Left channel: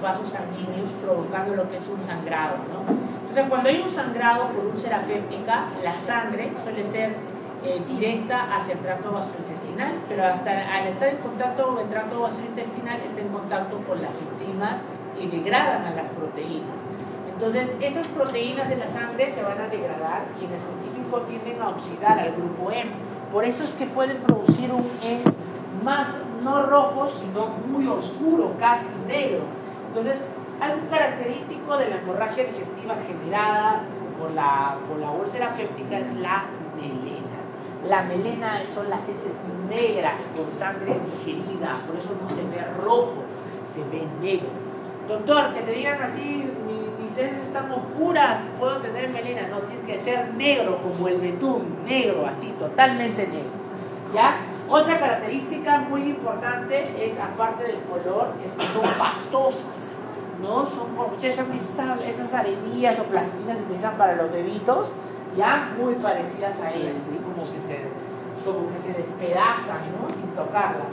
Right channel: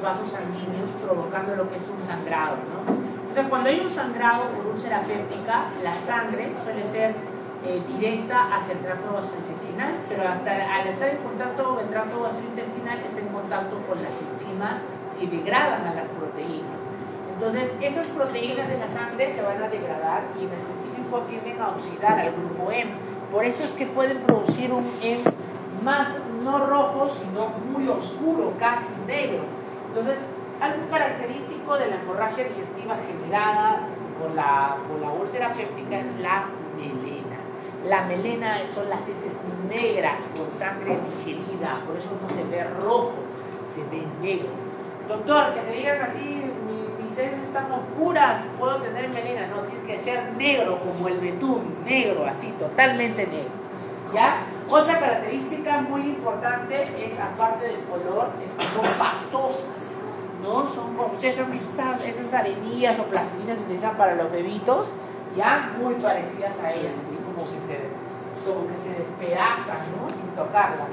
los vasos sanguíneos, provocando lo que es un sangrado, ¿no? O sea, cuando hay un sangrado por úlcera péptica, la sangre suele ser directa hacia el tracto gastrointestinal, pero hasta al estar en contacto con el tracto gastrointestinal está en contacto con las enzimas que degradan a las proteínas. Entonces, esas proteínas de la sangre se van a degradar y en específico tienden a oxidar al grupo M. Por eso es que pueden producir un M más no rojo, sino muy oscuro, casi negro. Entonces, algo característico de la hemorragia digestiva generada por la úlcera péptica es la melena. La melena son las heces negras con sangre digerida, por eso no se ve rojo, se ve negro. Doctor, que te digan así, mis heces están oscuras, ¿puedo tener melena? No, tiene que ser negro como el betún, negro, así, totalmente negro. ¿Ya? Otra característica muy importante es, aparte del color, es que son pastosas, ¿no? Son, como ustedes han visto esas arenillas o plastilinas que se utilizan para los bebitos, ya muy parecidas a ellas, así como que se despedazan, ¿no? Sin tocarlas.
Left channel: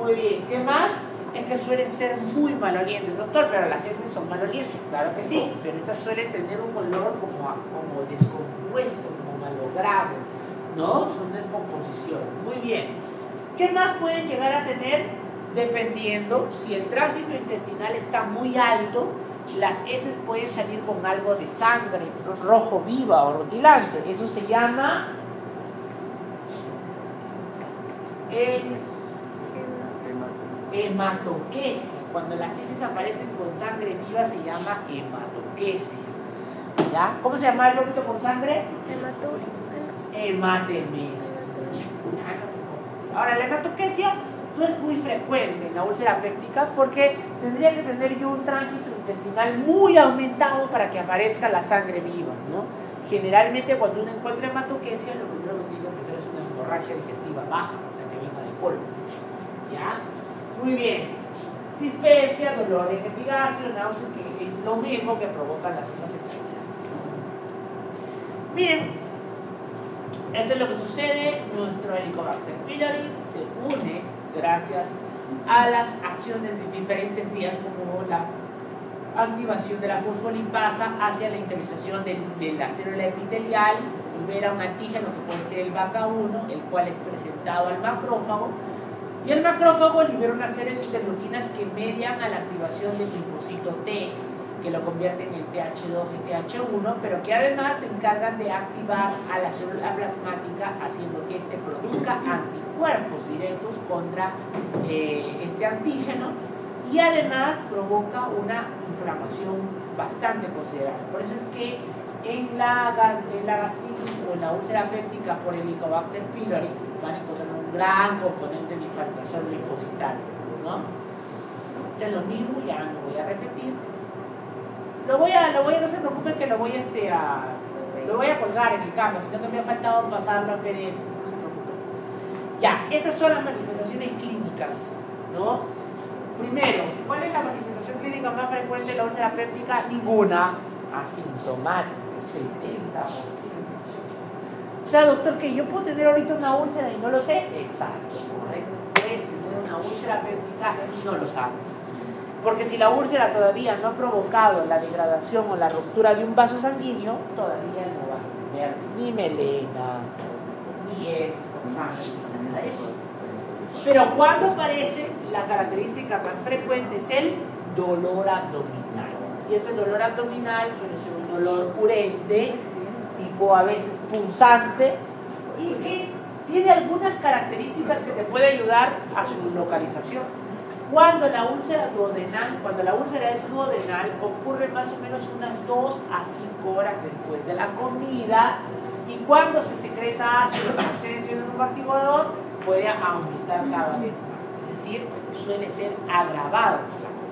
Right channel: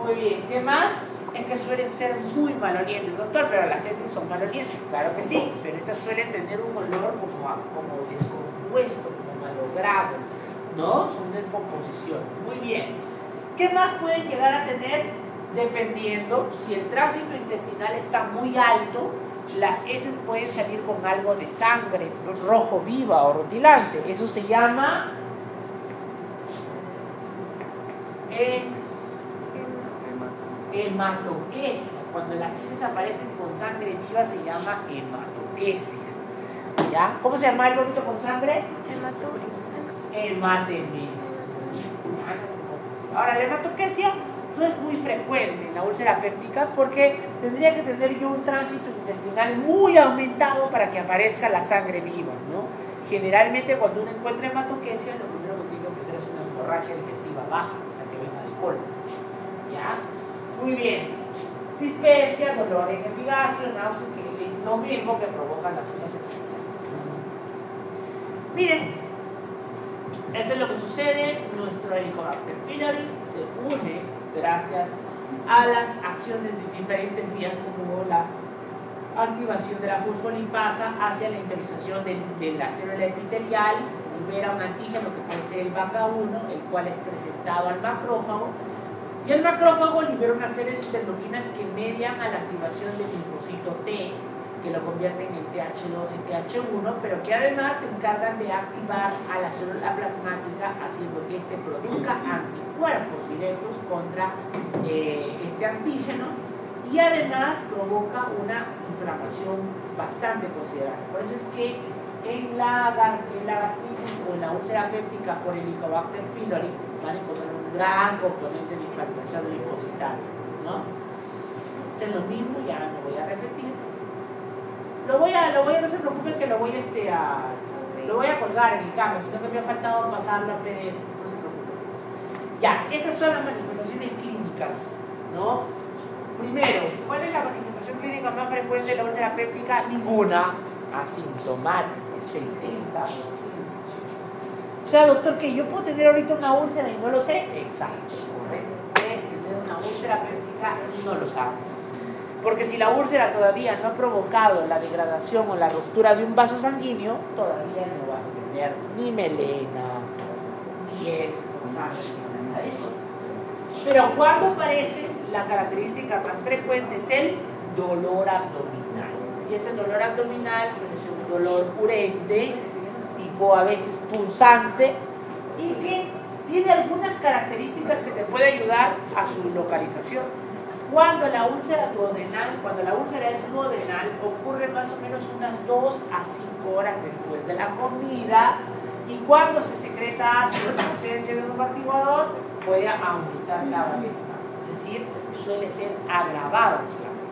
Muy bien. ¿Qué más? Es que suelen ser muy malolientes, doctor, pero las heces son malolientes, claro que sí, pero estas suelen tener un olor como descompuesto, como malogrado, ¿no? Son descomposiciones. Muy bien. ¿Qué más pueden llegar a tener? Dependiendo, si el tránsito intestinal está muy alto, las heces pueden salir con algo de sangre rojo viva o rutilante. Eso se llama hematoquesia. Cuando las heces aparecen con sangre viva se llama hematoquesia. ¿Ya? ¿Cómo se llama el vómito con sangre? Hematuria. Hematemesis. Ahora, la hematoquesia no es muy frecuente en la úlcera péptica porque tendría que tener yo un tránsito intestinal muy aumentado para que aparezca la sangre viva, ¿no? Generalmente cuando uno encuentra hematoquesia, lo primero que tiene que empezar es una hemorragia digestiva baja, o sea que venga de colon. ¿Ya? Muy bien. Dispepsia, dolor en epigastrio, náusea, que es lo mismo que provoca las vías intestinales. Miren, esto es lo que sucede. Nuestro Helicobacter pylori se une gracias a las acciones de diferentes vías como la activación de la fosfolipasa hacia la interiorización de la célula epitelial, libera un antígeno que puede ser el BACA1, el cual es presentado al macrófago, y el macrófago libera una serie de interleuquinas que median a la activación del linfocito T, que lo convierten en TH2 y TH1, pero que además se encargan de activar a la célula plasmática, haciendo que éste produzca anticuerpos directos contra este antígeno, y además provoca una inflamación bastante considerable. Por eso es que en la gastritis o en la úlcera péptica por Helicobacter pylori van a encontrar un gran componente de infiltración linfocitaria, ¿no? Esto es lo mismo, ya lo voy a repetir. No se preocupen que lo voy a colgar en el Canva, sino que me ha faltado pasarlo a PDF, no se preocupen. Ya, estas son las manifestaciones clínicas, ¿no? Primero, ¿cuál es la manifestación clínica más frecuente de la úlcera péptica? Ninguna. Asintomática, 70%. O sea, doctor, que yo puedo tener ahorita una úlcera y no lo sé. Exacto, correcto. Puedes tener una úlcera péptica y no lo sabes. Porque si la úlcera todavía no ha provocado la degradación o la ruptura de un vaso sanguíneo, todavía no vas a tener ni melena, ni heces con sangre, ni nada de eso. Pero cuando aparece, la característica más frecuente es el dolor abdominal. Y ese dolor abdominal suele ser un dolor urente, tipo a veces punzante, y que tiene algunas características que te pueden ayudar a su localización. Cuando la úlcera es duodenal, ocurre más o menos unas 2 a 5 horas después de la comida, y cuando se secreta ácido en ausencia de un amortiguador, puede aumentar cada vez más, es decir, suele ser agravado por la comida.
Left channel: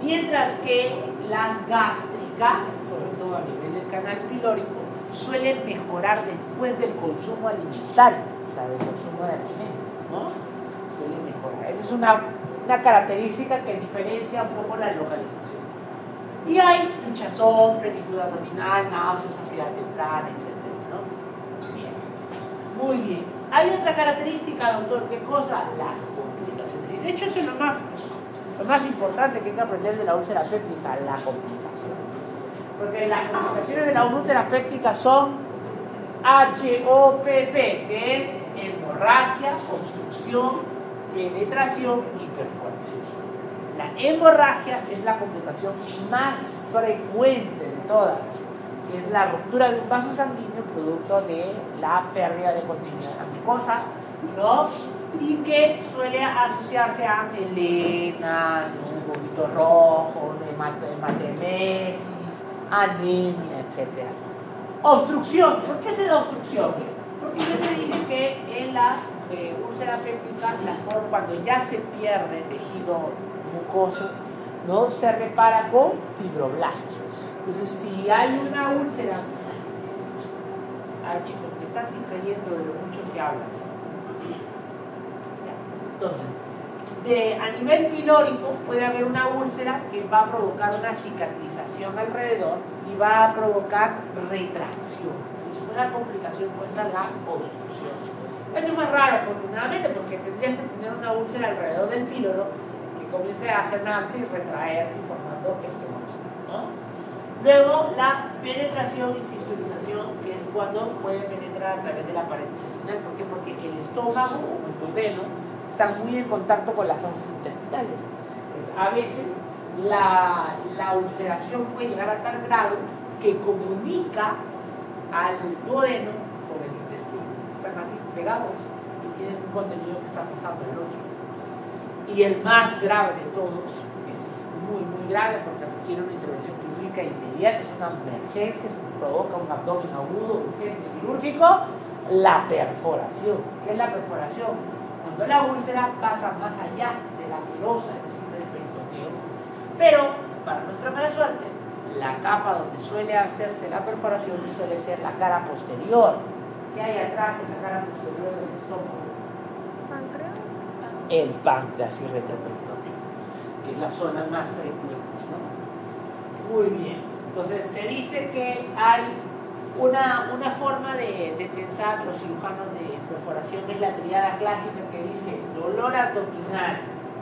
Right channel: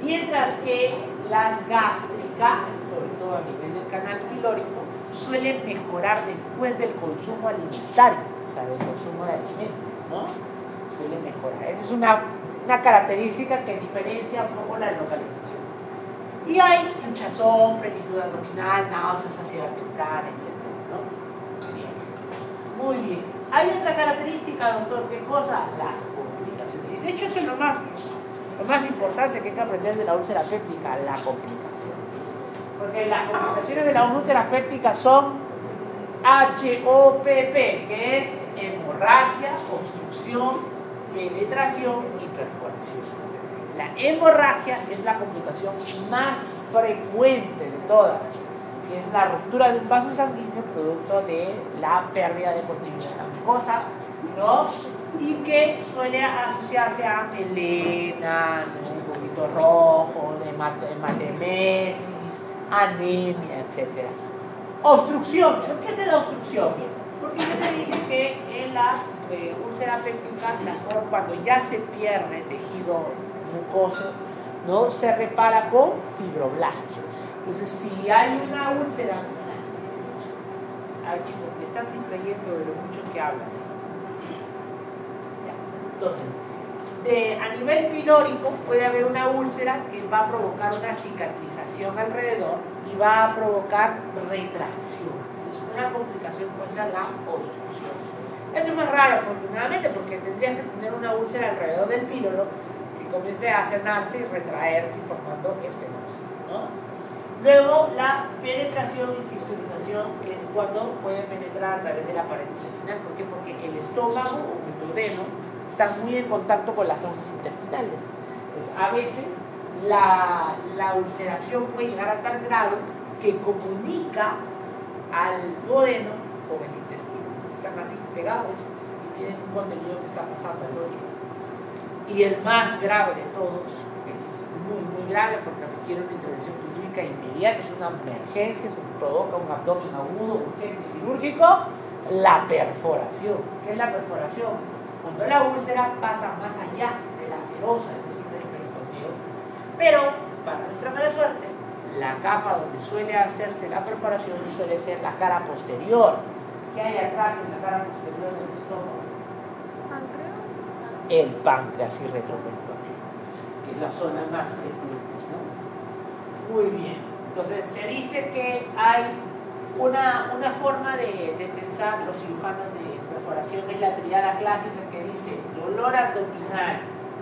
Mientras que las gástricas, sobre todo a nivel del canal pilórico, suelen mejorar después del consumo alimentario, o sea, del consumo de alimentos, ¿no? Suele mejorar. Esa es una característica que diferencia un poco la localización. Y hay hinchazón, plenitud abdominal, náuseas, saciedad temprana, etc., ¿no? Bien. Muy bien. Hay otra característica, doctor, ¿qué cosa? Las complicaciones. De hecho, eso es lo más Lo más importante que hay que aprender de la úlcera péptica, la complicación. Porque las complicaciones de la úlcera péptica son HOPP, que es hemorragia, obstrucción, penetración y perforación. La hemorragia es la complicación más frecuente de todas, que es la ruptura de un vaso sanguíneo producto de la pérdida de continuidad de la mucosa, ¿no? Y que suele asociarse a melena, un vómito rojo, hematemesis, anemia, etc. Obstrucción. ¿Por qué se da obstrucción? Porque yo te dije que en la úlcera péptica, cuando ya se pierde tejido mucoso, no se repara con fibroblastos. Entonces, si hay una úlcera, ay chicos, me están distrayendo de lo mucho que hablan. Entonces, a nivel pilórico puede haber una úlcera que va a provocar una cicatrización alrededor y va a provocar retracción. Entonces, una complicación puede ser la obstrucción. Esto es más raro, afortunadamente, porque tendrías que tener una úlcera alrededor del píloro que comience a cenarse y retraerse formando este monstruo, ¿no? Luego, la penetración y fistulización, que es cuando puede penetrar a través de la pared intestinal. ¿Por qué? Porque el estómago o el duodeno están muy en contacto con las heces intestinales. Pues a veces la ulceración puede llegar a tal grado que comunica al duodeno con el intestino. Están así pegados y tienen un contenido que está pasando al otro. Y el más grave de todos, este es muy, muy grave porque requiere una intervención quirúrgica inmediata, es una emergencia, sobre todo con un abdomen agudo, urgente, quirúrgico, la perforación. ¿Qué es la perforación? Cuando la úlcera pasa más allá de la serosa, es decir, del peritoneo, pero para nuestra mala suerte, la capa donde suele hacerse la perforación suele ser la cara posterior. ¿Qué hay atrás en la cara posterior del estómago? ¿Páncreas? El páncreas y retroperitoneo, que es la zona más frecuente, ¿no? Muy bien. Entonces se dice que hay una forma de pensar los cirujanos de perforación, es la triada clásica que dice dolor abdominal,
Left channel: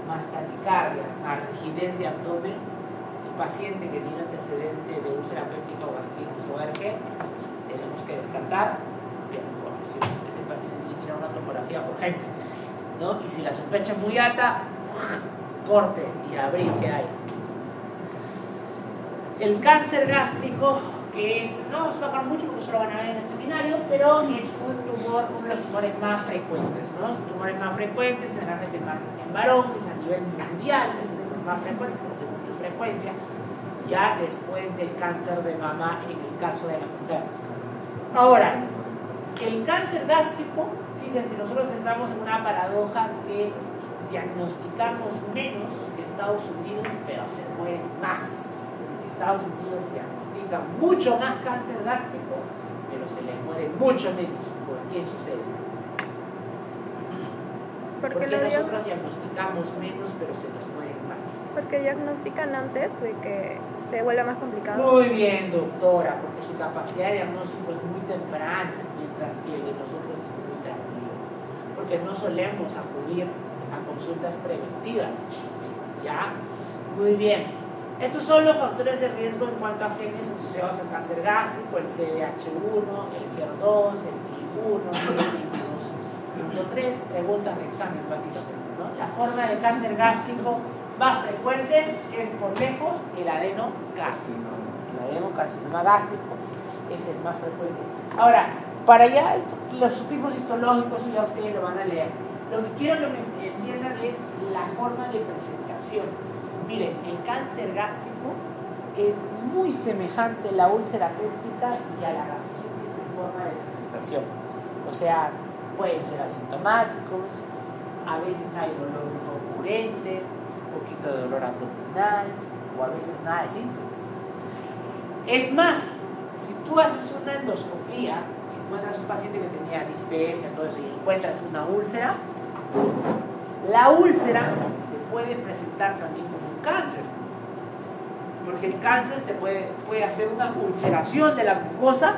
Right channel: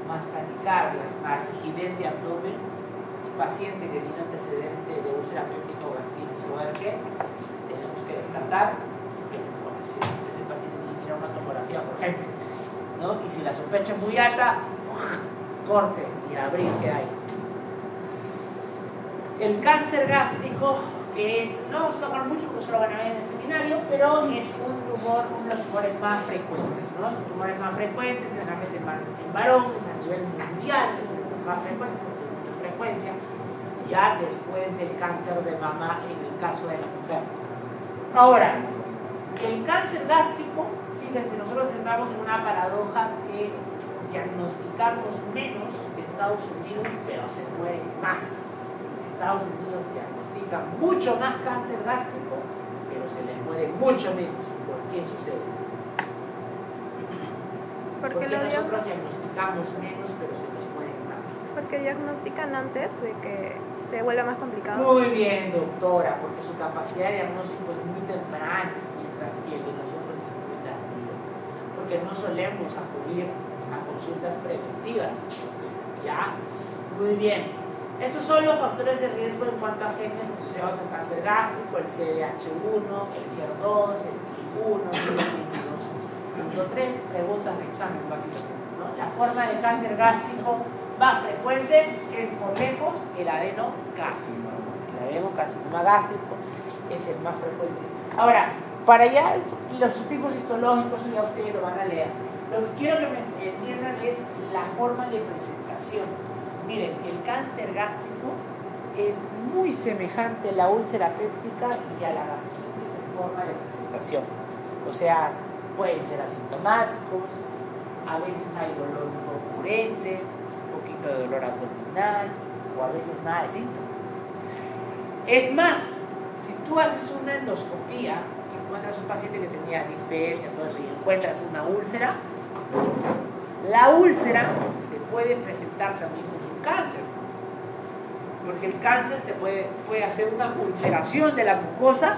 más taquicardia, más rigidez de abdomen y paciente que tiene antecedente de úlcera péptica o gastritis o ARG, tenemos que descartar perforación. Este paciente tiene que ir a una tomografía urgente, ¿no? Y si la sospecha es muy alta, corte y abrir que hay. El cáncer gástrico, que es, no vamos a tocar mucho porque eso lo van a ver en el seminario, pero es uno de los tumores más frecuentes, ¿no? Los tumores más frecuentes, generalmente en varones, a nivel mundial, es más frecuente, según su frecuencia, ya después del cáncer de mama en el caso de la mujer. Ahora, el cáncer gástrico, fíjense, nosotros entramos en una paradoja que diagnosticamos menos que Estados Unidos, pero se mueren más. Estados Unidos diagnostica mucho más cáncer gástrico, pero se les muere mucho menos. ¿Por qué sucede? Porque nosotros diagnosticamos menos, pero se nos mueren más. Porque diagnostican antes de que se vuelva más complicado. Muy bien, doctora, porque su capacidad de diagnóstico es muy temprana, mientras que el de nosotros es muy tardío. Porque no solemos acudir a consultas preventivas. ¿Ya? Muy bien. Estos son los factores de riesgo en cuanto a genes asociados al cáncer gástrico, el CDH1, el HER2, el PI1, el PI2.3, preguntas de examen básicamente, ¿no? La forma de cáncer gástrico más frecuente es por lejos el adenocarcinoma. El adenocarcinoma gástrico es el más frecuente. Ahora, para allá, los tipos histológicos ya ustedes lo van a leer. Lo que quiero que me entiendan es la forma de presentación. Miren, el cáncer gástrico es muy semejante a la úlcera péptica y a la gastritis en forma de presentación. O sea, pueden ser asintomáticos, a veces hay dolor recurrente, un poquito de dolor abdominal o a veces nada de síntomas. Es más, si tú haces una endoscopía, encuentras un paciente que tenía dispepsia, todo eso, y encuentras una úlcera, la úlcera se puede presentar también como un cáncer, porque el cáncer se puede hacer una ulceración de la mucosa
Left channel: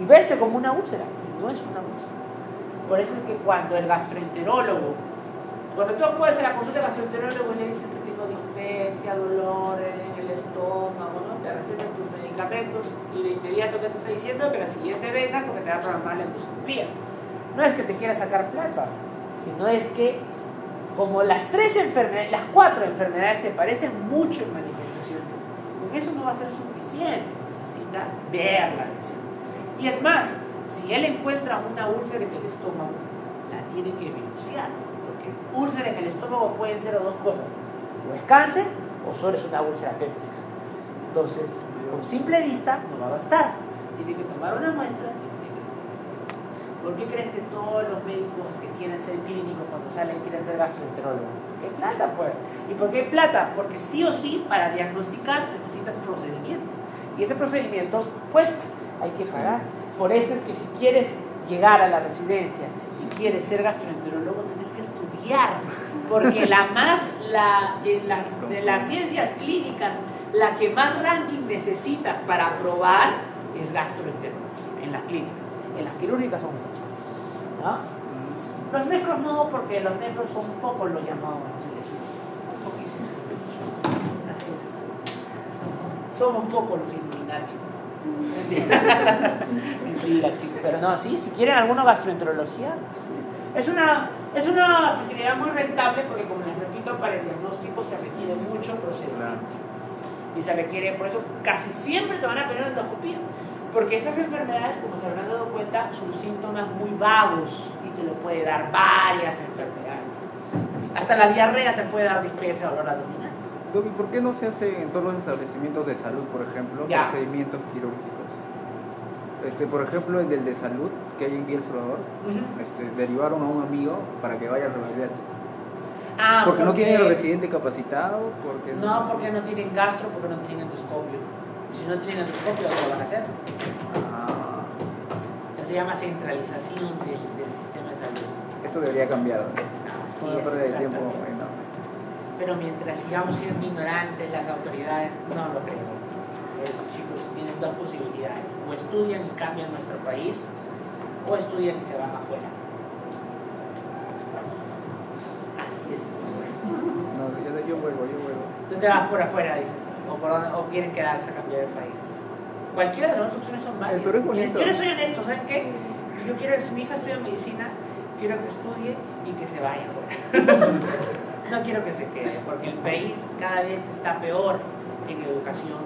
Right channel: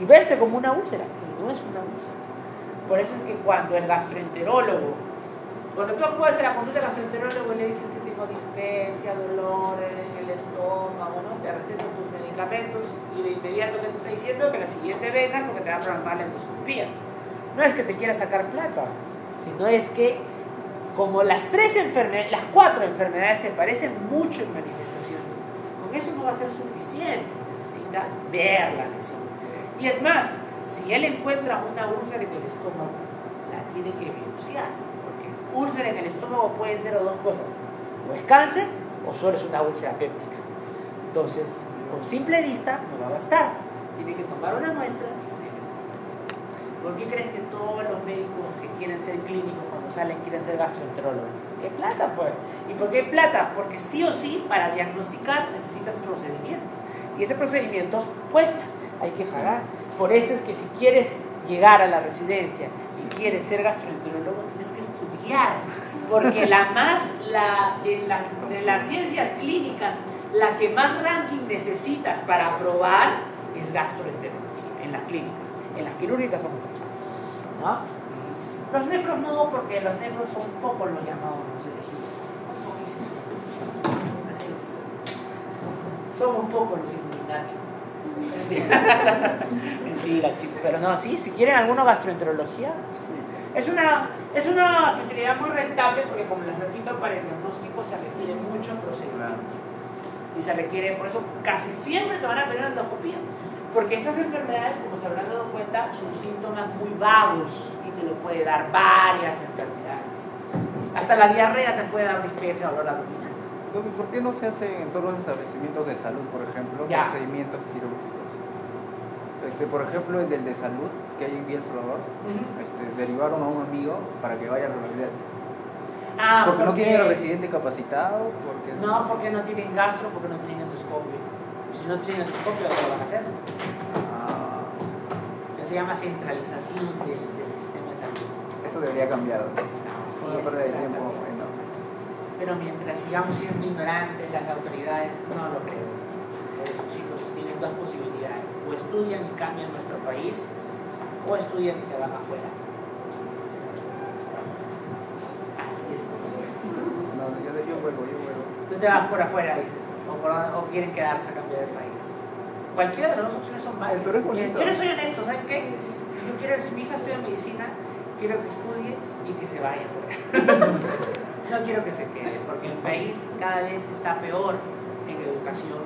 y verse como una úlcera, y no es una úlcera. Por eso es que cuando el gastroenterólogo, cuando tú acudes a la consulta del gastroenterólogo y le dices que tengo dispepsia, dolor en el estómago, ¿no? Te recetan tus medicamentos y de inmediato que te está diciendo que la siguiente venga es porque te va a programar la endoscopía. No es que te quiera sacar plata, sino es que como las 4 enfermedades se parecen mucho en manifestaciones, con eso no va a ser suficiente, necesita ver la lesión. Y es más, si él encuentra una úlcera en el estómago, la tiene que biopsiar, porque úlcera en el estómago pueden ser dos cosas, o es cáncer o solo es una úlcera péptica. Entonces, con simple vista no va a bastar, tiene que tomar una muestra. ¿Por qué crees que todos los médicos que quieren ser clínicos cuando salen quieren ser gastroenterólogos? ¿Qué plata, pues? ¿Y por qué plata? Porque sí o sí, para diagnosticar necesitas procedimiento. Y ese procedimiento cuesta, hay que pagar. Por eso es que si quieres llegar a la residencia y quieres ser gastroenterólogo, tienes que estudiar. Porque de las ciencias clínicas, la que más ranking necesitas para aprobar es gastroenterología, en las clínicas. En las quirúrgicas son muchas, ¿no? Los nefros no, porque los nefros son pocos los llamados los elegidos. Así es. Son un poco los inmunitarios. Mentira, chicos. Pero no, sí, si quieren alguna gastroenterología, es una especialidad muy rentable porque, como les repito, para el diagnóstico se requiere mucho procedimiento. Y se requiere, por eso casi siempre te van a pedir una endoscopía. Porque esas enfermedades, como se habrán dado cuenta, son síntomas muy vagos y te lo puede dar varias enfermedades. Hasta la diarrea te puede dar dispepsia o dolor abdominal. ¿Por qué no se hace en todos los establecimientos de salud, por ejemplo, procedimientos quirúrgicos? Por ejemplo, el del de salud que hay en Villa El Salvador, derivaron a un amigo para que vaya a revalidar. Porque no tienen el residente capacitado. No, porque no tienen gastro, porque no tienen endoscopio. Si no tienen endoscopio, ¿qué van a hacer? Eso se llama centralización del sistema de salud. Eso debería cambiar. Así es, exactamente. Pero mientras sigamos siendo ignorantes, las autoridades no lo creo. Los chicos tienen dos posibilidades: o estudian y cambian nuestro país, o estudian y se van afuera. Así es. No, yo vuelvo. Tú te vas por afuera, dices. O quieren quedarse a cambiar el país. Cualquiera de las dos opciones son válidas. Yo les soy honesto, ¿saben qué? Yo quiero que mi hija estudie medicina, quiero que estudie y que se vaya fuera. No quiero que se quede, porque el país cada vez está peor en educación.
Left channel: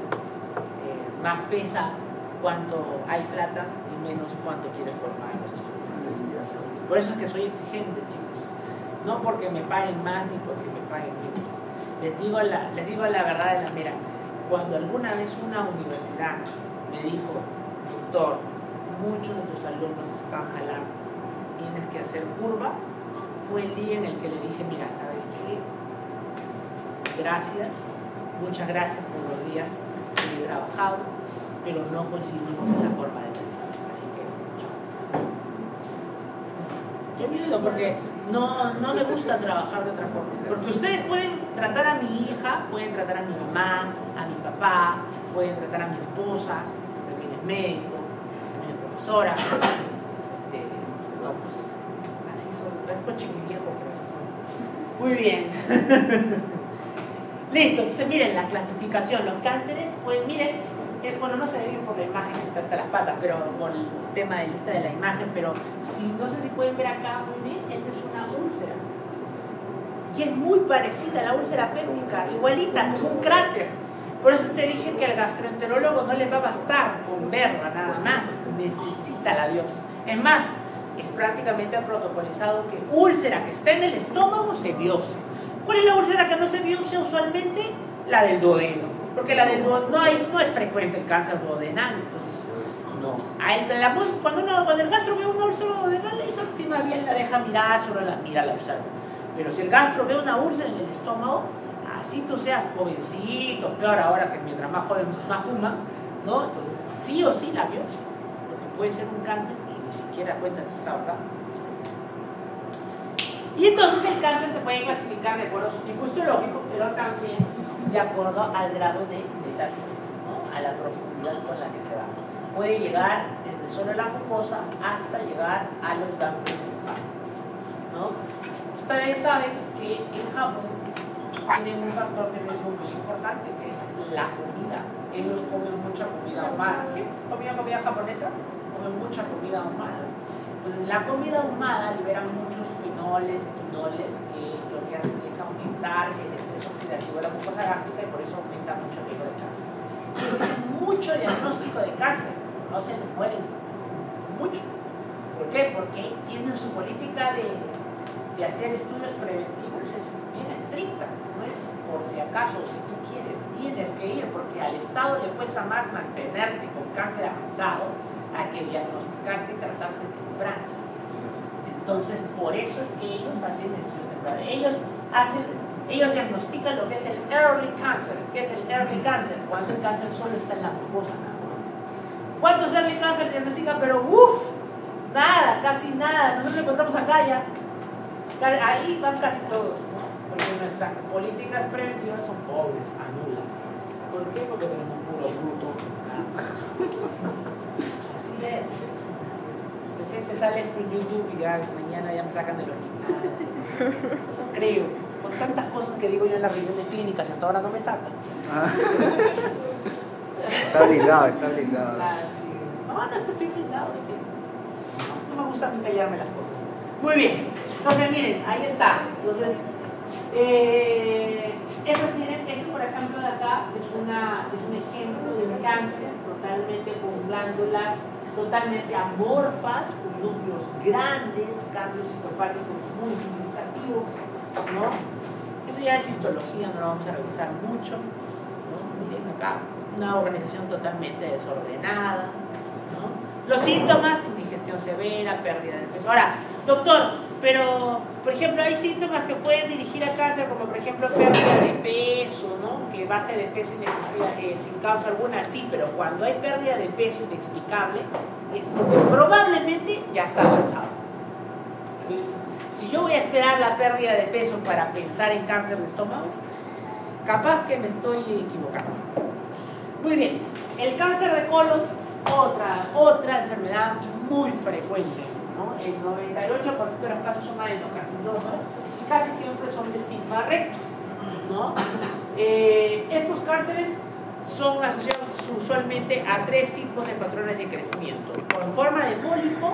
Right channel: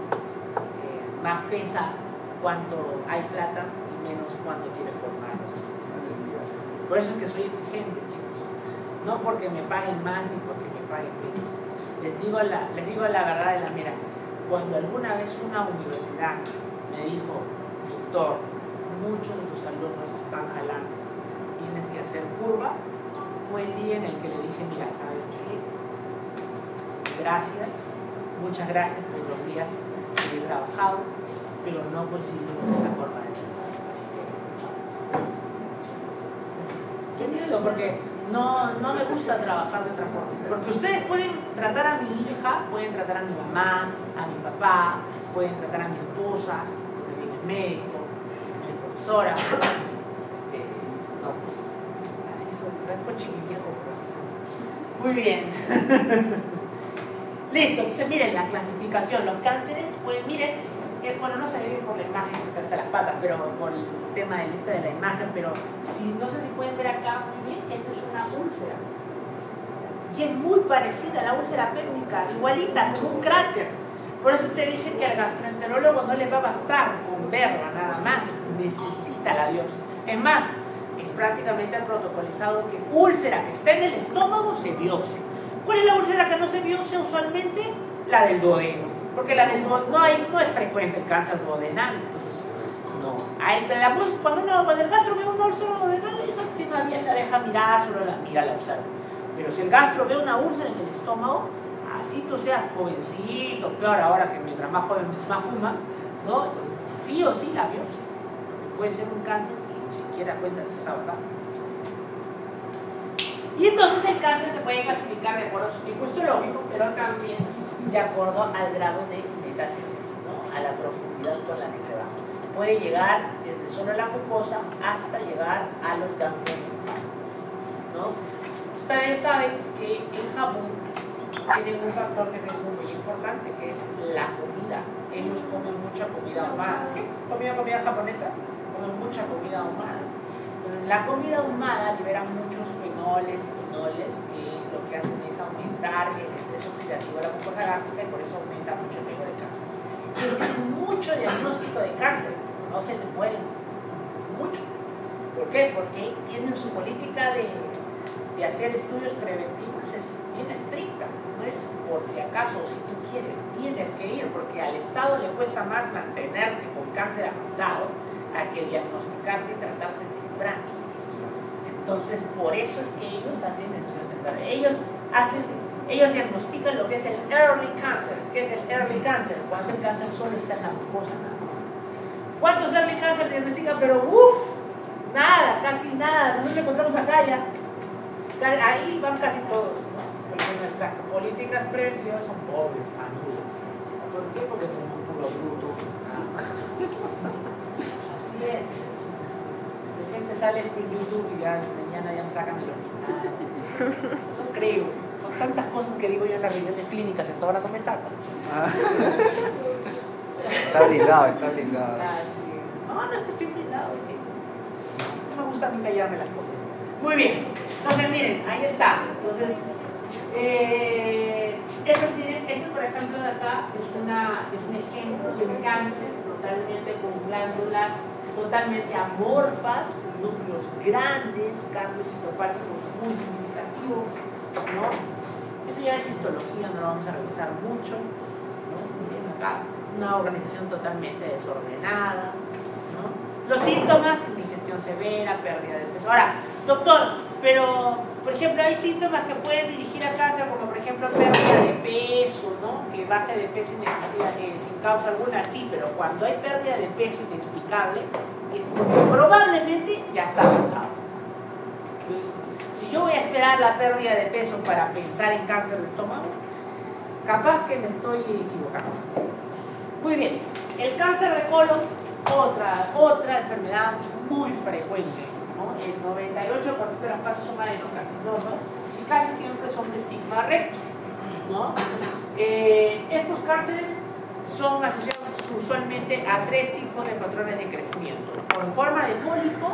Más pesa cuánto hay plata y menos cuánto quiere formar los estudiantes. Por eso es que soy exigente, chicos. No porque me paguen más ni porque me paguen menos. Les digo la verdad de la mera. Cuando alguna vez una universidad me dijo, doctor, muchos de tus alumnos están jalando, tienes que hacer curva, fue el día en el que le dije, mira, ¿sabes qué? Gracias, muchas gracias por los días que he trabajado, pero no coincidimos en la forma de pensar. Así que, chao. Qué miedo, porque no me gusta trabajar de otra forma. Porque ustedes pueden tratar a mi hija, pueden tratar a mi mamá, a mi papá, pueden tratar a mi esposa, que también es médico, también es profesora. No, pues, así son, tan chiquiviejo, pero así son. Muy bien. Listo, entonces miren la clasificación. Los cánceres, pues miren, bueno, no se debe por la imagen, está las patas, pero por el tema de la imagen, pero no sé si pueden ver acá muy bien, esta es una úlcera. Y es muy parecida a la úlcera péptica, igualita, como un cráter. Por eso te dije que al gastroenterólogo no le va a bastar con verla nada más, necesita la biopsia. Es más, es prácticamente protocolizado que úlcera que está en el estómago se biopsia. ¿Cuál es la úlcera que no se biopsia usualmente? La del duodeno. Porque la del duodeno no es frecuente el cáncer duodenal. Entonces, no. Cuando el gastro ve una úlcera duodenal, esa sí más bien la deja mirar, solo la mira la úlcera. Pero si el gastro ve una úlcera en el estómago, así tú seas jovencito, peor ahora que mientras más joven más fuma, ¿no? Entonces, sí o sí la biopsia. Porque puede ser un cáncer y ni siquiera cuenta si está acá. Y entonces el cáncer se puede clasificar de acuerdo a su tipo histológico, pero también de acuerdo al grado de metástasis, ¿no? A la profundidad con la que se va. Puede llegar desde solo la mucosa hasta llegar a los ganglios linfáticos, ¿no? Ustedes saben que en Japón tienen un factor que es muy importante, que es la comida. Ellos comen mucha comida ahumada, ¿sí? Comida japonesa, comen mucha comida ahumada. Entonces, la comida ahumada libera muchos fenoles y quinoles que lo que hacen es aumentar el estrés oxidativo de la mucosa gástrica y por eso aumenta mucho el riesgo de cáncer. Ellos tienen mucho diagnóstico de cáncer, no se les mueren mucho. ¿Por qué? Porque tienen su política de hacer estudios preventivos, es bien estricta, no es por si acaso, si tú quieres, tienes que ir, porque al Estado le cuesta más mantenerte con cáncer avanzado a que diagnosticarte y tratarte temprano. Entonces, por eso es que ellos hacen estudios tempranos. Ellos diagnostican lo que es el early cancer. ¿Qué es el early cancer? Cuando el cáncer solo está en la mucosa nada más. ¿Cuántos early cancer diagnostican? Pero nada, casi nada, no nos encontramos acá ya. Ahí van casi todos, ¿no? Porque nuestras políticas preventivas son pobres, anulas. ¿Por qué? Porque tenemos un puro bruto. Así es. De repente sale esto en YouTube y ya mañana ya me sacan de los no creo. Con tantas cosas que digo yo en las reuniones clínicas y hasta ahora no me sacan. Está ligado. Ah, sí. No es que estoy blindado. No me gusta a mí callarme las cosas. Muy bien. Entonces, miren, ahí está. Entonces, este por ejemplo de acá es un ejemplo de un cáncer totalmente con glándulas totalmente amorfas, con núcleos grandes, cambios citopáticos muy significativos, ¿no? Eso ya es histología, no lo vamos a revisar mucho, ¿no? Miren acá, una organización totalmente desordenada, ¿no? Los síntomas, indigestión severa, pérdida de peso. Ahora, doctor, pero, por ejemplo, hay síntomas que pueden dirigir a cáncer, como por ejemplo pérdida de peso, ¿no? Que baje de peso sin causa alguna, sí, pero cuando hay pérdida de peso inexplicable, es porque probablemente ya está avanzado. Entonces, si yo voy a esperar la pérdida de peso para pensar en cáncer de estómago, capaz que me estoy equivocando. Muy bien, el cáncer de colon, otra enfermedad muy frecuente, ¿no? El 98% de los casos son adenocarcinomas y casi siempre son de sigma recto, ¿no? Estos cánceres son asociados usualmente a 3 tipos de patrones de crecimiento: o en forma de pólipo,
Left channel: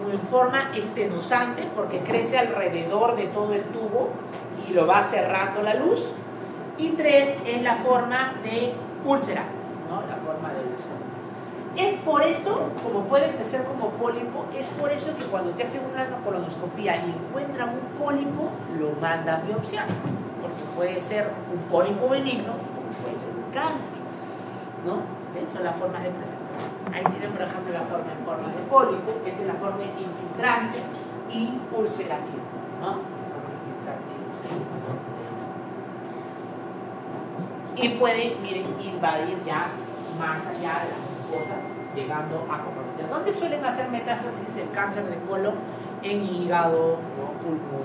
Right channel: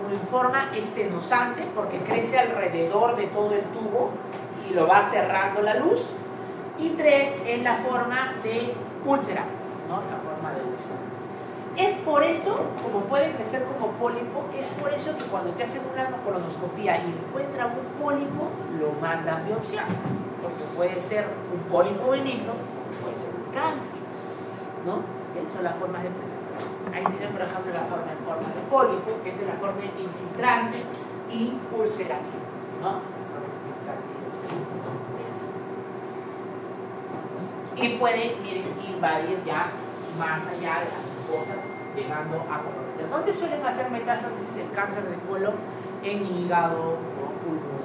o en forma estenosante, porque crece alrededor de todo el tubo y lo va cerrando la luz, y 3 en la forma de úlcera, ¿no? La forma de úlcera. Es por eso, como puede crecer como pólipo, es por eso que cuando te hacen una colonoscopía y encuentran un pólipo, lo mandan a biopsiar, porque puede ser un pólipo benigno, puede ser un cáncer, ¿no? ¿Ven? Son las formas de presentación. Ahí tienen, por ejemplo, la forma en forma de pólipo, que es de la forma infiltrante y ulcerativa, ¿no? Forma infiltrante y ulcerativa. Y puede, miren, invadir ya más allá de las cosas, llegando a comprometer. ¿Dónde suelen hacer metástasis el cáncer de colon? En hígado o pulmón.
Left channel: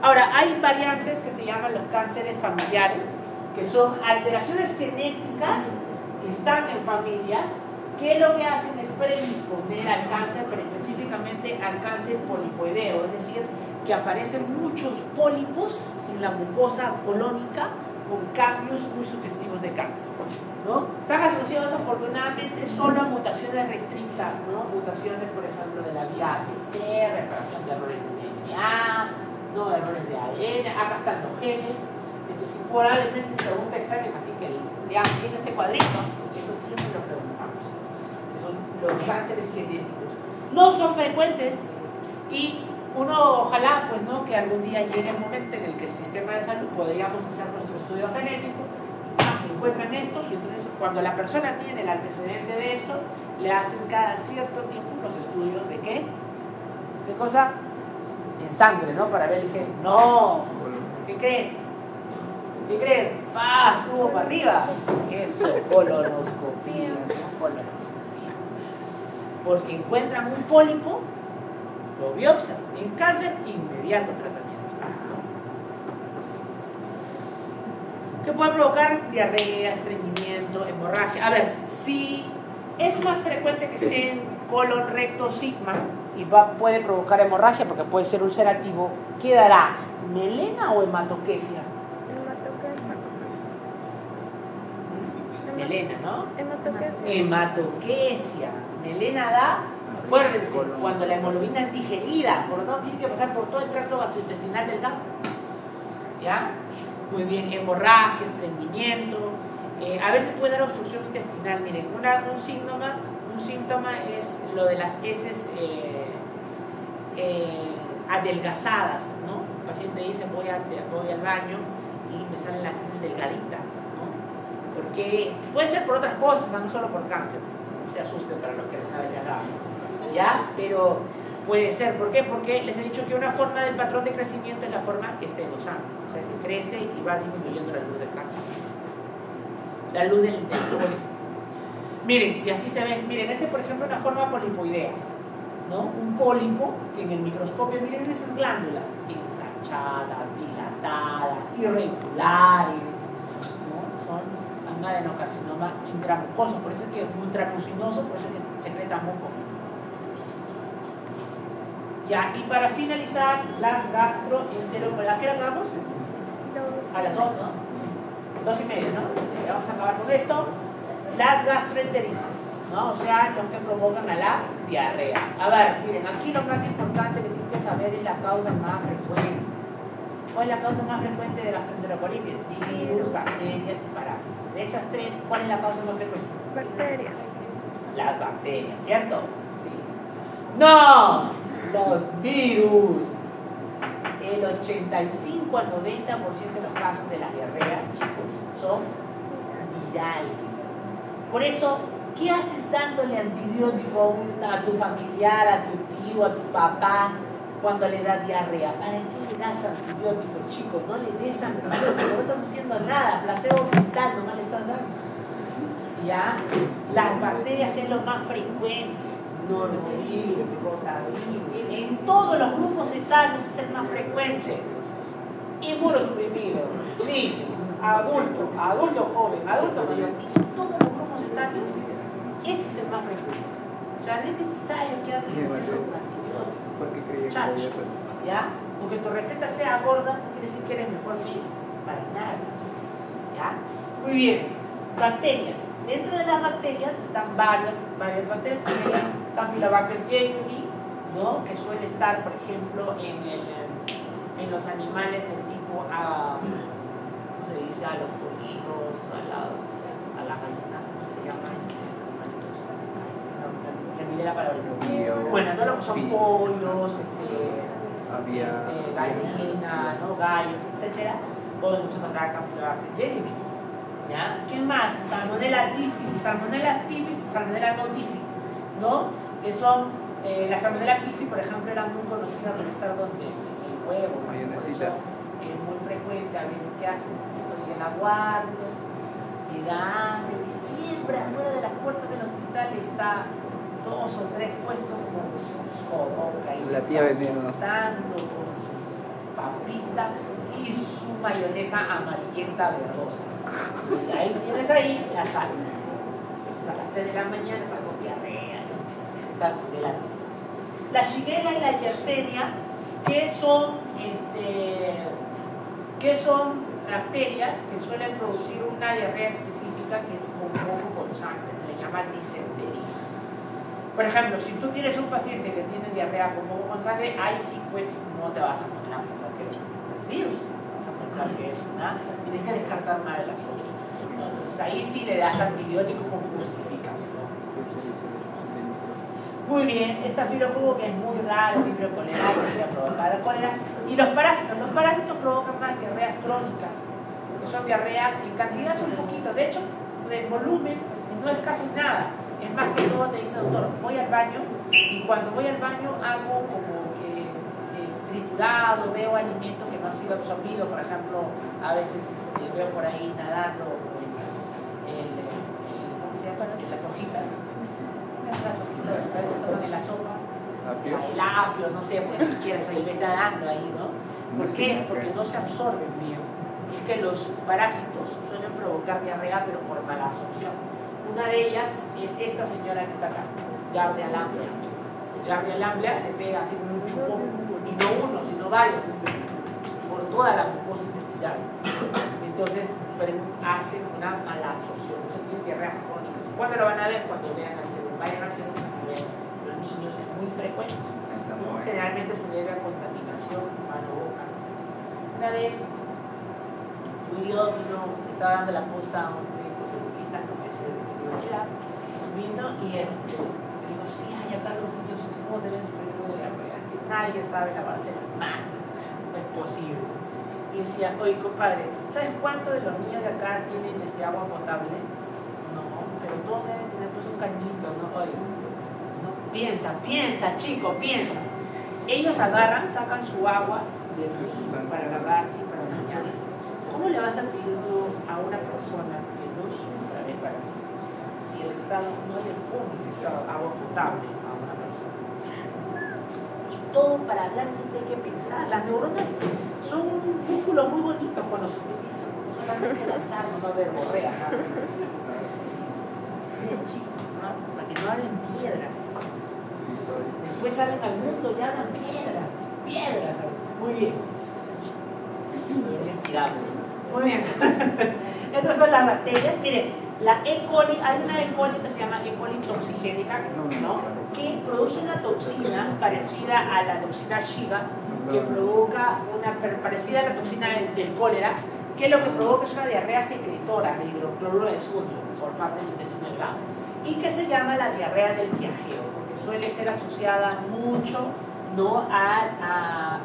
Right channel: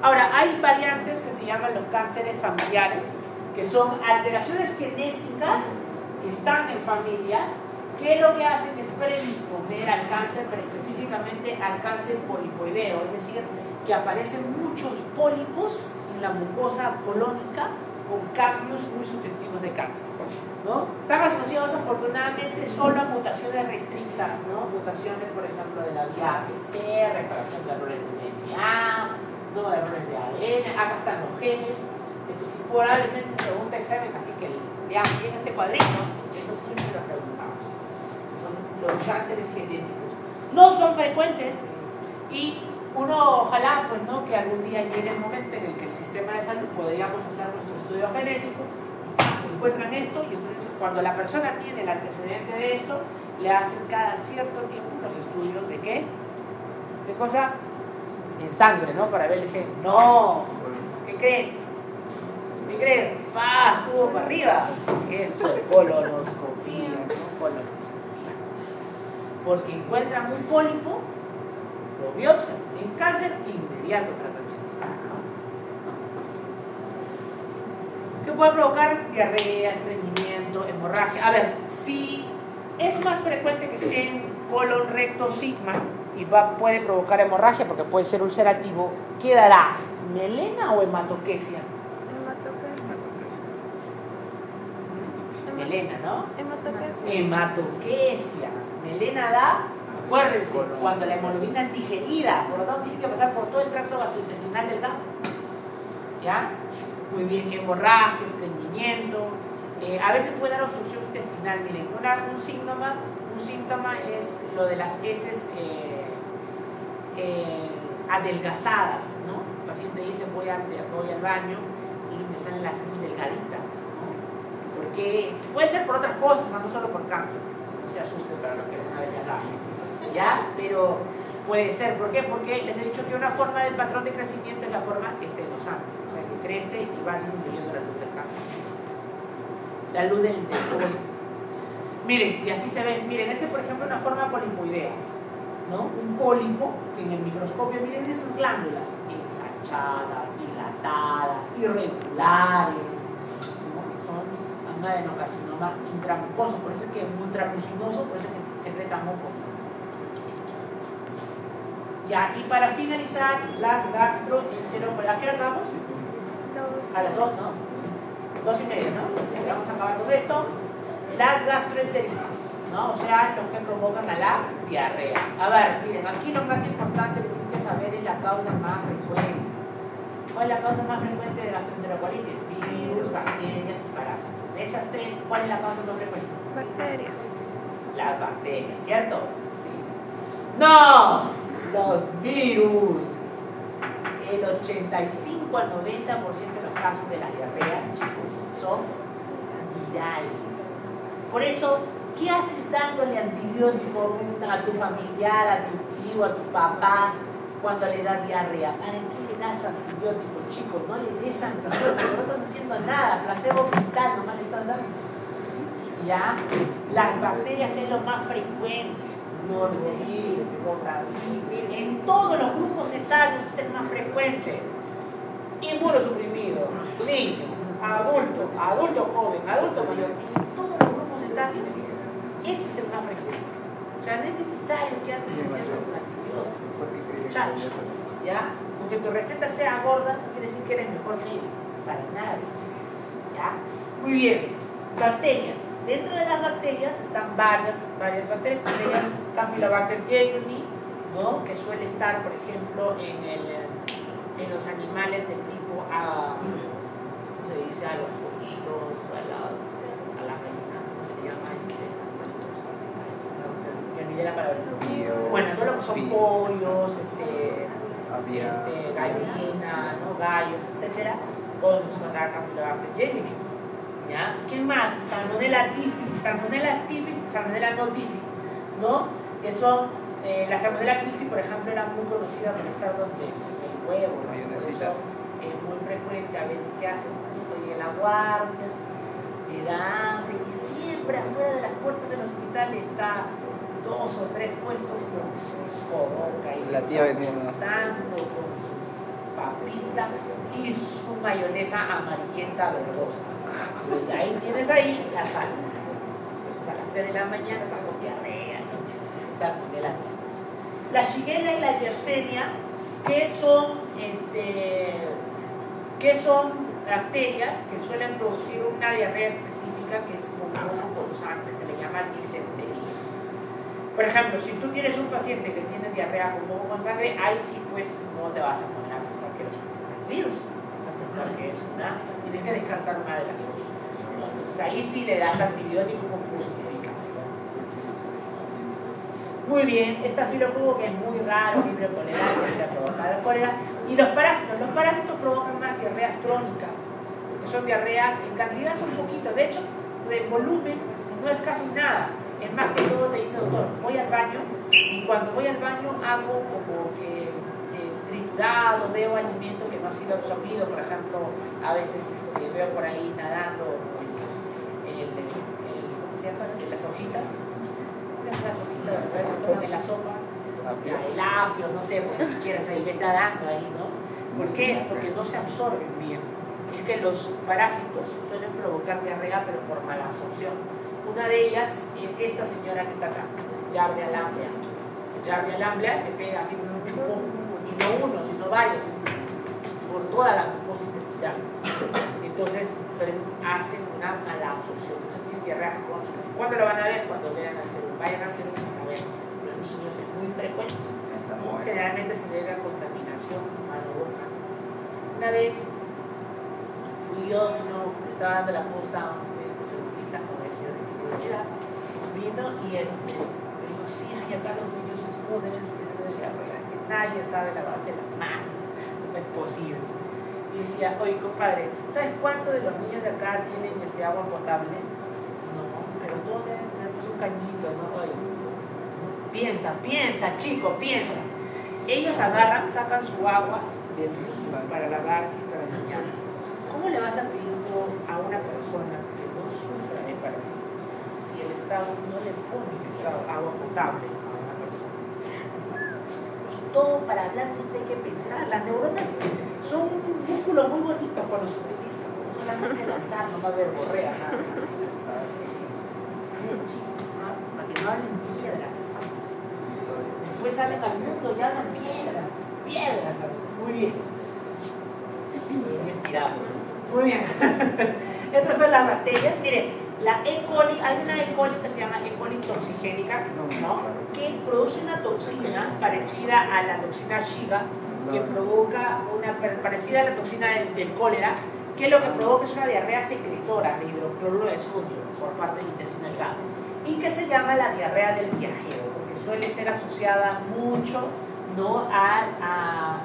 Ahora, hay variantes que se llaman los cánceres familiares, que son alteraciones genéticas que están en familias, que lo que hacen es predisponer al cáncer, pero específicamente al cáncer polipoideo, es decir, que aparecen muchos pólipos en la mucosa colónica con cambios muy sugestivos de cáncer, ¿no? Están asociados afortunadamente solo a mutaciones restrictas, ¿no? Mutaciones, por ejemplo, de la vía APC, reparación de errores de DNA, no errores de ADN, acá están los genes. Entonces, probablemente se pregunta examen, así que veamos bien este cuadrito, eso siempre lo preguntamos, que son los cánceres genéticos. No son frecuentes y uno ojalá pues no que algún día llegue el momento en el que el sistema de salud podríamos hacer nuestro estudio genético y encuentran esto, y entonces cuando la persona tiene el antecedente de esto, le hacen cada cierto tiempo los estudios de ¿qué? ¿De cosa? En sangre, ¿no? Para ver el gen. No, ¿qué crees? ¿Qué crees? Estuvo para arriba. Eso, colonoscopía, ¿no? Colonoscopía. Porque encuentran un pólipo, lo biopsian, en cáncer, inmediato tratamiento. ¿Qué puede provocar? Diarrea, estreñimiento, hemorragia. A ver, si es más frecuente que esté en colon, recto, sigma, y puede provocar hemorragia porque puede ser ulcerativo, ¿qué dará? ¿Melena o hematoquesia? melena, ¿no? Hematoquesia. Hematoquesia. Melena da, acuérdense, cuando la hemoglobina es digerida, por lo tanto tiene que pasar por todo el tracto gastrointestinal del gato. ¿Ya? Muy bien, hemorragia, estreñimiento. A veces puede dar obstrucción intestinal. Miren, un síntoma es lo de las heces adelgazadas, ¿no? El paciente dice voy al baño y me salen las heces delgaditas, ¿no? Porque puede ser por otras cosas, no solo por cáncer. No se asusten para los que no saben, ¿ya? Pero puede ser, ¿por qué? Porque les he dicho que una forma del patrón de crecimiento es la forma estenosante, o sea, que crece y va disminuyendo la luz del cáncer, la luz del tubo. Miren, y así se ve, miren, por ejemplo es una forma polipoidea, ¿no? Un pólipo que en el microscopio, miren esas glándulas ensanchadas, dilatadas, irregulares, ¿no? Son un adenocarcinoma intramucoso, por eso es que es intramucinoso, por eso es que secreta moco. Ya, y para finalizar, las gastroenterocolitis. ¿A qué hora vamos? A las 2, ¿no? 2:30, ¿no? Ya vamos a acabar con esto. Las gastroenteritis, ¿no? O sea, lo que provocan a la diarrea. A ver, miren, aquí lo más importante que tienen que saber es la causa más frecuente. ¿Cuál es la causa más frecuente de gastroenterocolitis? Virus, bacterias y parásitos. De esas tres, ¿cuál es la causa más frecuente? Bacterias. Las bacterias, ¿cierto? Sí. ¡No! Los virus. El 85 al 90% de los casos de las diarreas, chicos, son virales. Por eso, ¿qué haces dándole antibiótico a tu familiar, a tu tío, a tu papá cuando le da diarrea? ¿Para qué le das antibiótico, chicos? No le des antibiótico, no estás haciendo nada, placebo mental, nomás le estás dando. ¿Ya? Las bacterias es lo más frecuente. Norovirus, rotavirus. En todos los grupos etarios es el más frecuente. Inmunosuprimido, niño, adulto joven, adulto mayor. En todos los grupos etarios, este es el más frecuente. O sea, no es necesario que hagas un antibiótico. ¿Ya? Porque tu receta sea gorda, no quiere decir que eres mejor médico. Para nada. ¿Ya? Muy bien. Bacterias. Dentro de las bacterias están varias bacterias. Campylobacter jejuni, ¿no? Que suele estar, por ejemplo, en los animales del tipo ¿cómo se dice? A los pollitos, a la gallina, ¿cómo se llama? Me olvidé la palabra. Bueno, todo lo que son pollos, gallina, ¿no? Gallos, etcétera, podemos encontrar Campylobacter jejuni. ¿Ya? ¿Quién más? Salmonella typhi, Salmonella no typhi, ¿no? Que son, la Salmonella typhi, por ejemplo, era muy conocida por estar donde el huevo, ¿no? Por eso es muy frecuente, a veces, ¿qué hacen? Llega el aguardia, llega hambre, y siempre afuera de las puertas del hospital está 2 o 3 puestos con sus jodocas y la tía vendiendo con su paprika y su mayonesa amarillenta verdosa. Y ahí tienes la sal. Entonces a las 3 de la mañana está con diarrea, salmonela. La Shigella y la Yersinia, que son bacterias que suelen producir una diarrea específica que es un poco con sangre, se le llama disentería. Por ejemplo, si tú tienes un paciente que tiene diarrea con moco con sangre, ahí sí pues no te vas a poner a pensar que es un virus, vas a pensar que es tienes que descartar una de las dos. Entonces ahí sí le das antibiótico con justificación. Muy bien, estafilococo que es muy raro, vibrio coleral, que provoca la cólera. Y los parásitos provocan más diarreas crónicas, porque son diarreas, en cantidad son poquitas, de hecho, el volumen no es casi nada. Es más que todo te dice, doctor, voy al baño y cuando voy al baño hago como que triturado, veo alimento que no ha sido absorbido, por ejemplo, a veces veo por ahí nadando ¿cómo se llama? Las hojitas. Las hojitas de la sopa, el apio, no sé, porque quieras ahí está dando ahí, ¿no? ¿Por qué? Es porque no se absorben bien. Es que los parásitos suelen provocar diarrea, pero por mala absorción. Una de ellas es esta señora que está acá, Giardia lamblia. Giardia lamblia se pega así como un chupón, y no uno, sino varios, por toda la mucosa intestinal. Entonces, hacen una mala absorción. Entonces, tienen ¿Cuándo lo van a ver? Cuando vean al cerebro. Vayan al cerebro a ver los niños, es muy frecuente, ¿no? Generalmente se debe a contaminación mano-boca. Una vez fui yo, estaba dando la posta a un médico cirugista con ese de la universidad, vino y digo, sí, acá los niños se joden este periodo de diarrea, que nadie sabe lavarse las manos, no es posible. Y decía, oye compadre, ¿sabes cuántos de los niños de acá tienen agua potable? No, pero todos deben tener pues un cañito, ¿no? Oye, no, piensa, chico, piensa. Ellos agarran, sacan su agua del río para lavarse y para bañarse. ¿Cómo le vas a pedir tú a una persona que no sufra de parásitos si el Estado no le pone agua potable a una persona? Todo para hablar siempre hay que pensar. Las neuronas son un músculo muy bonito cuando se utilizan. No solamente lanzar, no va a haber borrea, nada. Sí, chicos, ¿no? Para que no hablen piedras. Después salen al mundo y hablan piedras. Piedras. Muy bien. Muy bien tirado. Muy bien. Estas son las bacterias. Miren, la E. coli, hay una E. coli que se llama E. coli toxigénica, ¿no? Que produce una toxina parecida a la toxina Shiga, que provoca parecida a la toxina del cólera, que lo que provoca es una diarrea secretora de hidrocloruro de sodio por parte del intestino delgado, y que se llama la diarrea del viajero, porque suele ser asociada mucho, ¿no? a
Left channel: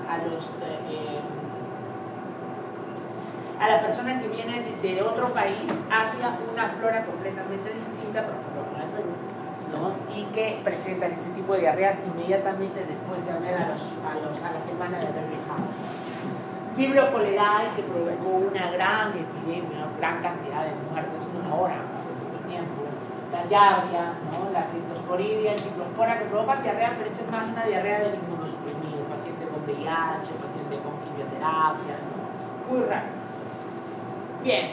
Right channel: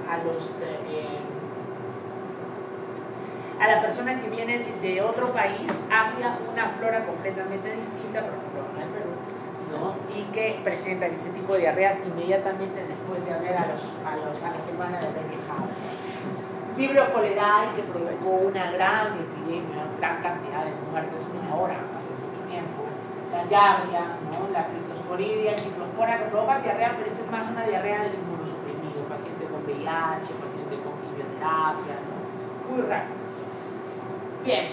las personas que vienen de otro país hacia una flora completamente distinta, por ejemplo, al Perú, ¿no? Y que presentan ese tipo de diarreas inmediatamente después de haber a la semana de haber viajado. Vibrio cholerae, que provocó una gran epidemia, una gran cantidad de muertes, ahora, hace mucho tiempo. La diarrea, ¿no? La criptosporidia y ciclospora, que provocan diarrea, pero esto es más una diarrea del inmunosuprimido, paciente con VIH, paciente con quimioterapia, ¿no? Muy raro. Bien,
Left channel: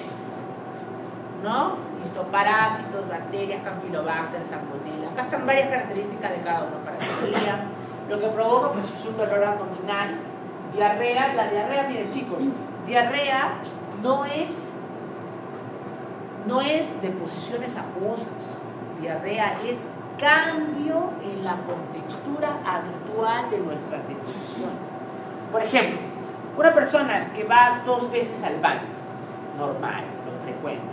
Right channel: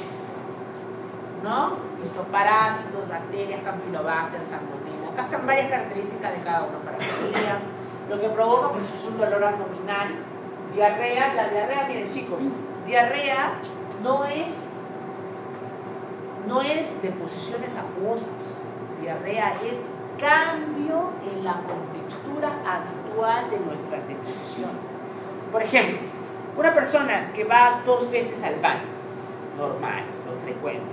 ¿no? Listo, parásitos, bacterias, campylobacter, salmonella. Acá están varias características de cada uno para que lo lean. Lo que provoca pues, es un dolor abdominal, diarrea. La diarrea, miren chicos, diarrea no es de posiciones acuosas. Diarrea es cambio en la contextura habitual de nuestras deposiciones. Por ejemplo, una persona que va 2 veces al baño, normal, lo frecuente,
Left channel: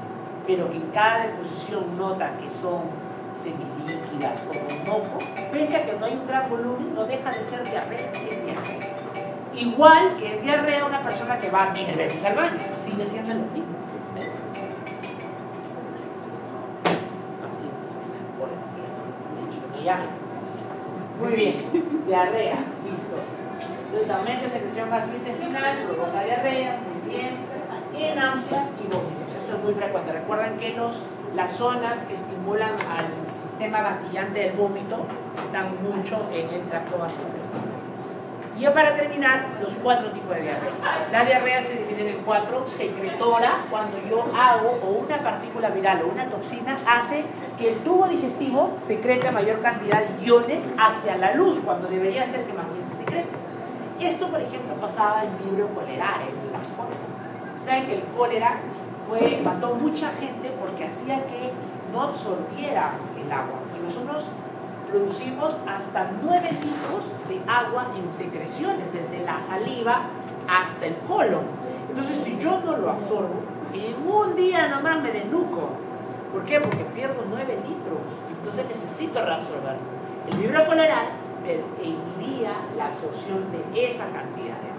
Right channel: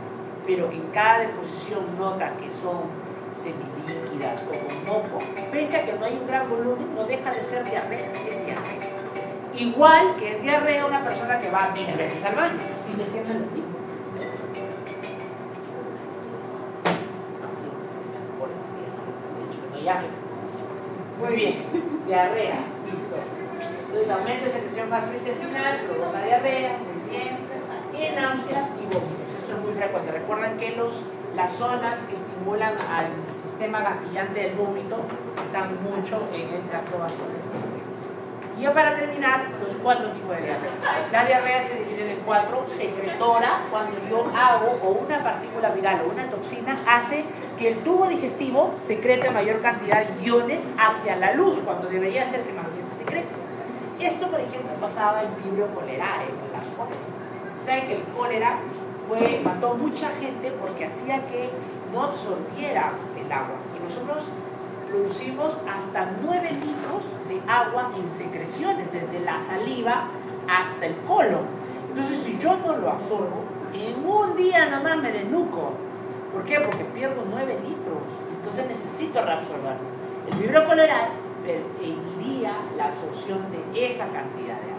pero en cada deposición nota que son semilíquidas o con moco, pese a que no hay un gran volumen, no deja de ser diarrea, es diarrea. Igual que es diarrea una persona que va 10 veces al baño, sigue siendo lo mismo. Muy bien, diarrea, listo. Entonces aumento de secreción gastrointestinal, provoca diarrea, muy bien. Y náuseas y vómitos. Esto es muy frecuente. Recuerden que las zonas que estimulan al sistema gatillante del vómito están mucho en el tracto gastrointestinal. Y ya para terminar, los 4 tipos de diarrea. La diarrea se divide en 4. Secretora, cuando yo hago o una partícula viral o una toxina, hace que el tubo digestivo secrete mayor cantidad de iones hacia la luz, cuando debería ser que más bien se secrete. Esto, por ejemplo, pasaba en vibrio cholerae, en la cólera. Saben que el cólera mató mucha gente porque hacía que no absorbiera el agua. Y nosotros producimos hasta 9 litros de agua en secreciones, desde la saliva hasta el colon. Entonces, si yo no lo absorbo, en un día nomás me desnuco. ¿Por qué? Porque pierdo 9 litros. Entonces necesito reabsorber. El vibrio cholerae inhibía la absorción de esa cantidad de agua.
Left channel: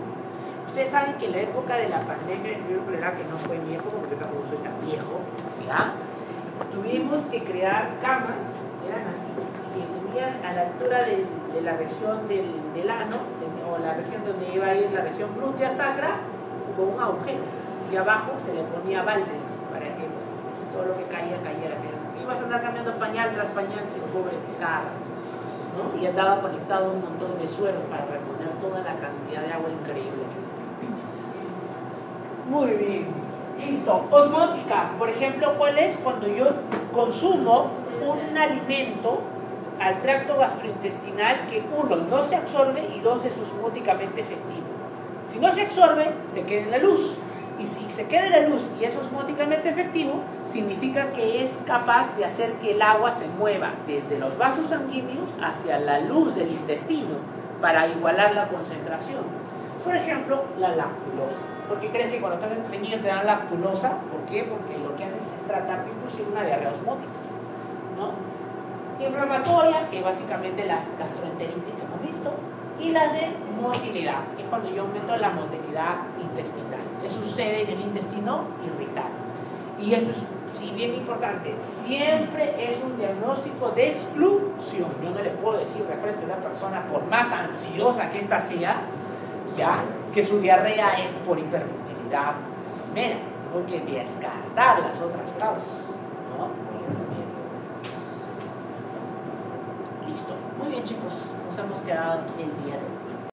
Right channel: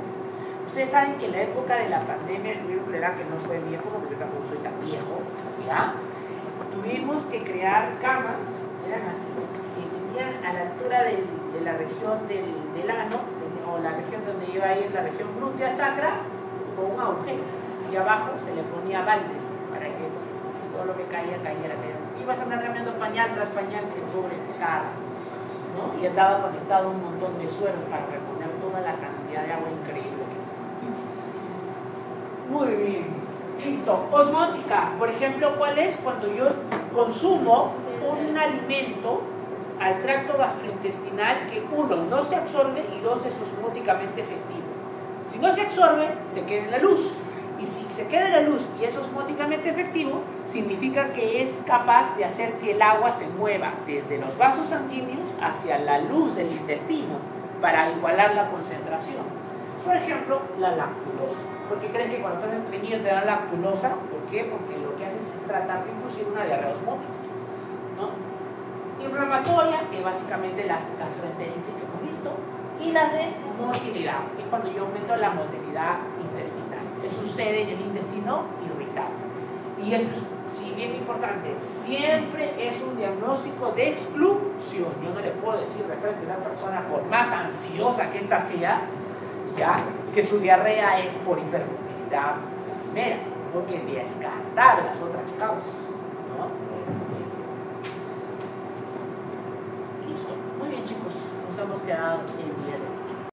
Ustedes saben que en la época de la pandemia del vibrio cholerae, que no fue viejo, porque yo tampoco soy tan viejo, ¿ya? Tuvimos que crear camas, eran así, que tenían a la altura de la región del ano, o la región donde iba a ir la región glútea sacra, con un agujero. Y abajo se le ponía baldes para que pues, todo lo que cayera. Ibas a andar cambiando pañal tras pañal sin pobre cagas, ¿no? Y andaba conectado a un montón de suelos para reponer toda la cantidad de agua increíble que es. Muy bien. Listo. Osmótica, por ejemplo, ¿cuál es? Cuando yo consumo un alimento al tracto gastrointestinal que 1, no se absorbe y 2, es osmóticamente efectivo. Si no se absorbe, se queda en la luz. Y si se queda la luz y es osmóticamente efectivo, significa que es capaz de hacer que el agua se mueva desde los vasos sanguíneos hacia la luz del intestino para igualar la concentración. Por ejemplo, la lactulosa. ¿Por qué crees que cuando estás estreñido te dan lactulosa? ¿Por qué? Porque lo que haces es tratar de producir una diarrea osmótica, ¿no? Inflamatoria, que básicamente las gastroenteritis que hemos visto, y las de motilidad, que es cuando yo aumento la motilidad intestinal. Que sucede en el intestino irritable. Y esto es, si bien importante, siempre es un diagnóstico de exclusión. Yo no le puedo decir referente a una persona, por más ansiosa que ésta sea, ya, que su diarrea es por hipermotilidad primera. Tengo que descartar las otras causas, ¿no? Listo. Muy bien, chicos. Nos hemos quedado en